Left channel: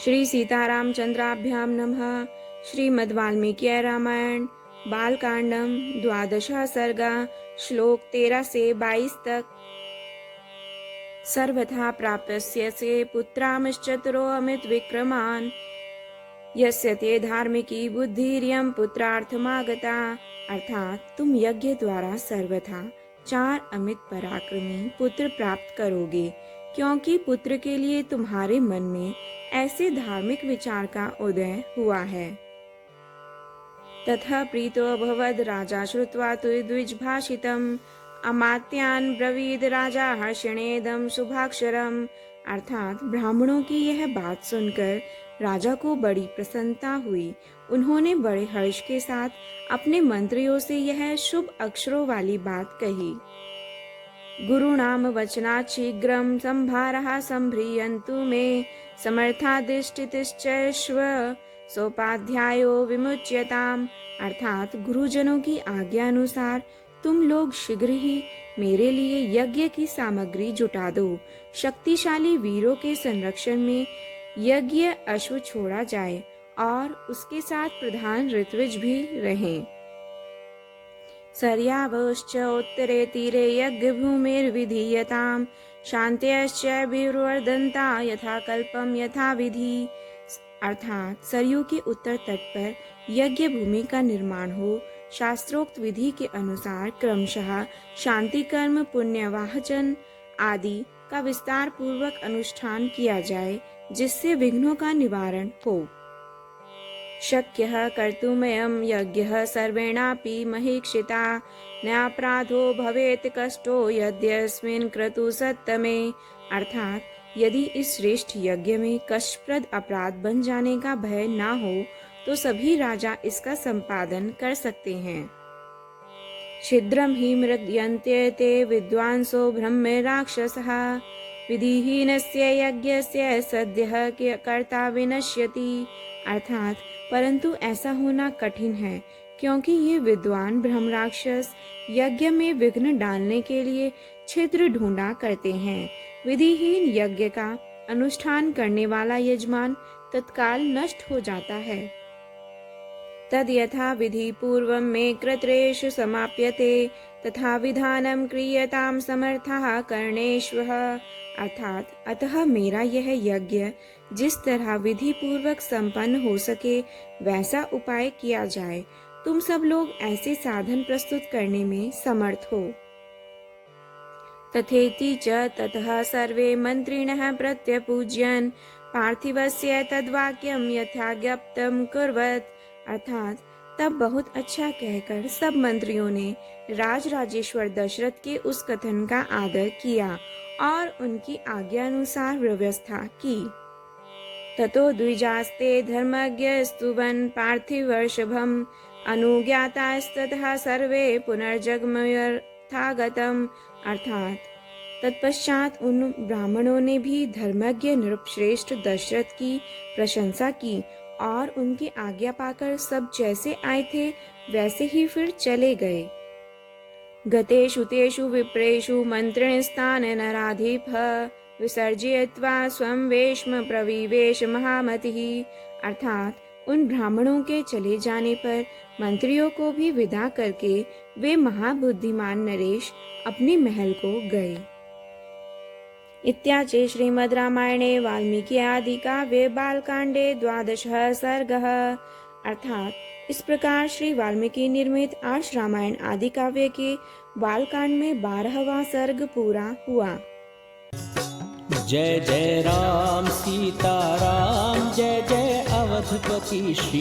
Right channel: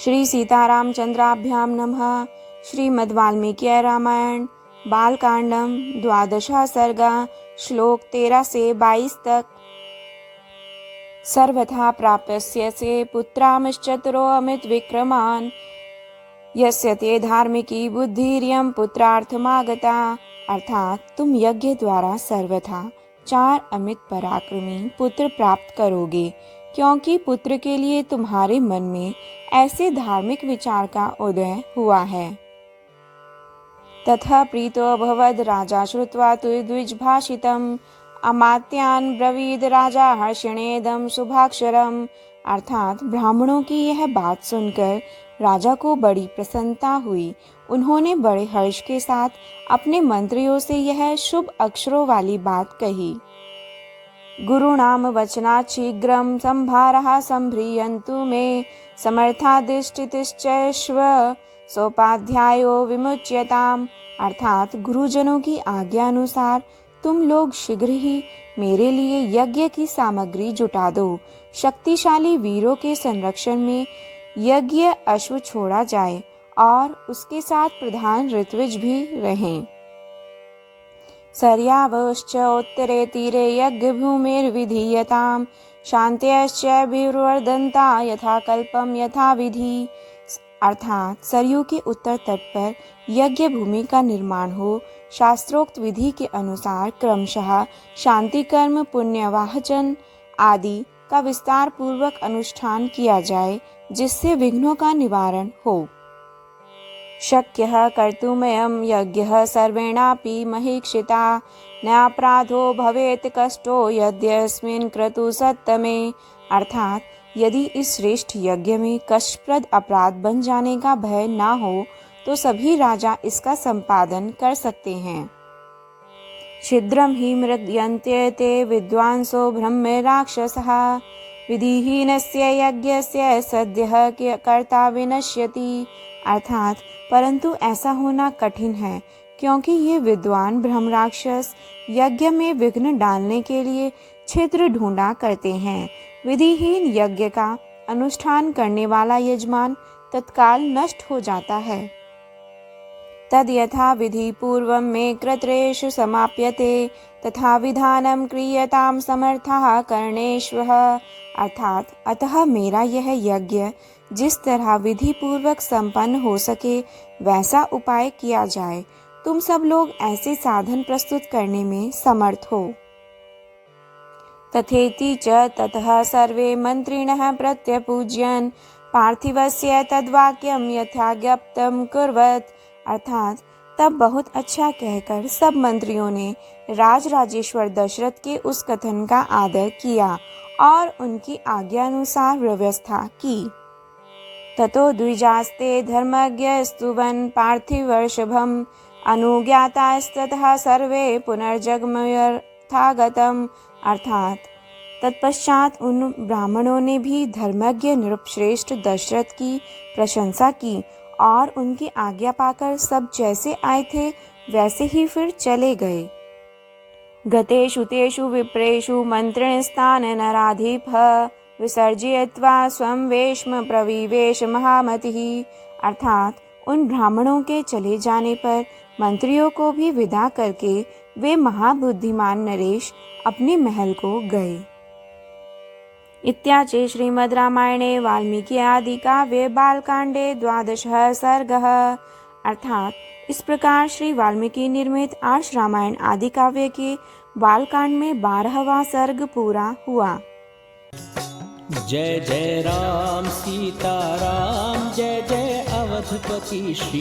श्री सीतारामचंद्राभ्यां नमः। श्रीमद् वाल्मीकि रामायण बालकांडम 12वां सर्ग श्लोक 13 से 22 तक। सर्वथा प्राप्यस्य से पुत्रांश्चतुरो अमित विक्रमान् यस्य ते धार्मिकी बुद्धिर्यं पुत्रार्थमागता। अर्थात तुम यज्ञ द्वारा सर्वथा 4 अमित पराक्रमी पुत्र प्राप्त करोगे, क्योंकि पुत्र के लिए तुम्हारे मन में ऐसे धार्मिक विचार का उदय हुआ है। तथा प्रीतो अभवद राजा श्रुत्वा तु द्विजभाषितम् अमात्यान् ब्रवीद राजा हर्षणेदं शुभाक्षरम्। अर्थात ब्राह्मणों की यह बात सुनकर राजा को बड़ी प्रसन्नता हुई। उन्होंने बड़े हर्ष के साथ अपने मंत्रियों से यह शुभ अक्षरों वाली बात कही। गुरुणाम वचनात् शीघ्रं संभारः संभ्रियन्तु मे समर्थाधिष्ठितश्चैश्व सोपाध्यायो विमुच्यताम्। अर्थात गुरुजनों की आज्ञा अनुसार तुम लोग शीघ्र ही मेरे लिए यज्ञ की सामग्री जुटा दो। शक्तिशाली वीरों के संरक्षण में यज्ञ अश्व छोड़ा जाए और उसके साथ प्रधान ऋत्विज भी रहें। सर्यावश्च उत्तरे तीरे यज्ञभूमिर्विधीयताम् शान्त्यश्च विवर्धन्ता यथा कल्पम यथा विधि। अर्थात सरयू के उत्तर तट पर यज्ञ भूमि का निर्माण हो, शास्त्रोक्त विधि के अनुसार क्रमशः शांति कर्म पुण्यवाहचन आदि का विस्तार पूर्वक अनुष्ठान किया जाए, जिससे विघ्नों का निवारण हो। शक्यः कर्तुमयं यज्ञः सर्वेणापि महीक्षिता न्यापराधो भवेत् कष्टो यद्यस्मिन् क्रतु सत्तमे। अर्थात यदि इस श्रेष्ठ यज्ञ में कष्टप्रद अपराध बन जाने का भय ना हो तो सभी राजा इसका संपादन कर सकते हैं। छिद्रं हि मृद्यन्ते ते विद्वांसो ब्रह्मे राक्षसः विधिहीनस्य यज्ञस्य सद्यः कर्ता विनश्यति। अर्थात परंतु ऐसा होना कठिन है, क्योंकि ये विद्वान ब्रह्म राक्षस यज्ञ में विघ्न डालने के लिए छिद्र ढूंढा करते हैं। विधिहीन यज्ञ का अनुष्ठान करने वाला यजमान तत्काल नष्ट हो जाता है। तद यथा विधि पूर्वं मे कृत्रेषु समाप्यते तथा विधानं क्रियतां समर्थः कर्णेष्वः। अर्थात अतः मेरा यह यज्ञ जिस तरह विधि पूर्वक संपन्न हो सके वैसा उपाय किया जाए। तुम सब लोग ऐसे साधन प्रस्तुत करने में समर्थ हो। तथेति च ततः सर्वे मंत्रिणः प्रत्यपूज्यन् पार्थिवस्य तद्वाक्यं यथाज्ञप्तं कुर्वत्। अर्थात तब बहुत अच्छा कहकर सब मंत्रियों ने राजराजेश्वर दशरथ के उस कथन का आदर किया और उनकी आज्ञा अनुसार व्यवस्था की। ततो द्विजास्ते धर्मज्ञस्तुवन् पार्थिवर्षभम् अनुज्ञातास्ततः सर्वे पुनर्जगमयर्थागतम्। अर्थात तत्पश्चात उन ब्राह्मणों ने भी धर्मज्ञ नृपश्रेष्ठ दशरथ की प्रशंसा की और उनकी आज्ञा पाकर सब जैसे आए थे वैसे ही फिर चले गए। गतेषु तेषु विप्रेषु मंत्रिणस्तान् नराधिपः विसर्जयित्वा स्वं वेश्म प्रविवेश महामतिः। अर्थात उन ब्राह्मणों के चले जाने पर मंत्रियों को भी विदा करके वे महाबुद्धिमान नरेश अपने महल को गए। इत्याचि श्रीमद् रामायणे वाल्मीकि आदि काव्ये बालकांडे 12वां सर्गः। अर्थात इस प्रकार श्री वाल्मीकि निर्मित आर्ष रामायण आदि काव्य के बालकांड में 12वां सर्ग पूरा हुआ। जय जय राम सीता राम, जय जय अवधपति श्री